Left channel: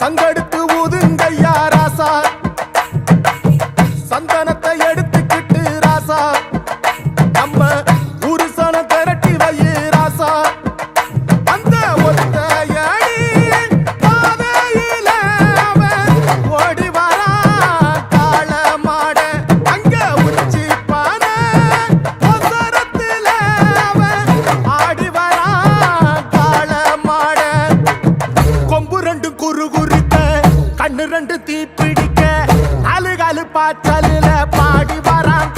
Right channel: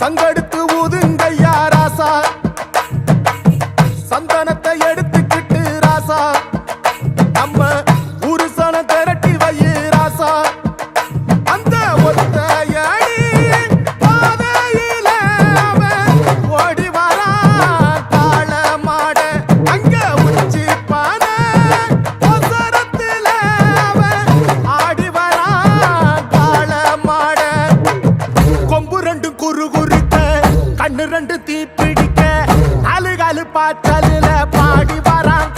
சங்கெடுத்து ஊதுங்கய்யா ராசா, சந்தனத்தை எடுத்துக்கிட்டு ராசா, நம்ம உருசன திரட்டி வையே ராசா. அந்த ஒத்தையடி பாதையில அவன் ஓடி வரான் காள மாட, அங்க உச்சி பானை ஒசரத்துல அவன் ஆடி வரான் காள மாட. கொம்பு ரெண்டு குறு குறுக்க, கண்ணு ரெண்டு தீப்பிடிக்க, அழுகாலு பாச்சலில பாடி வரான்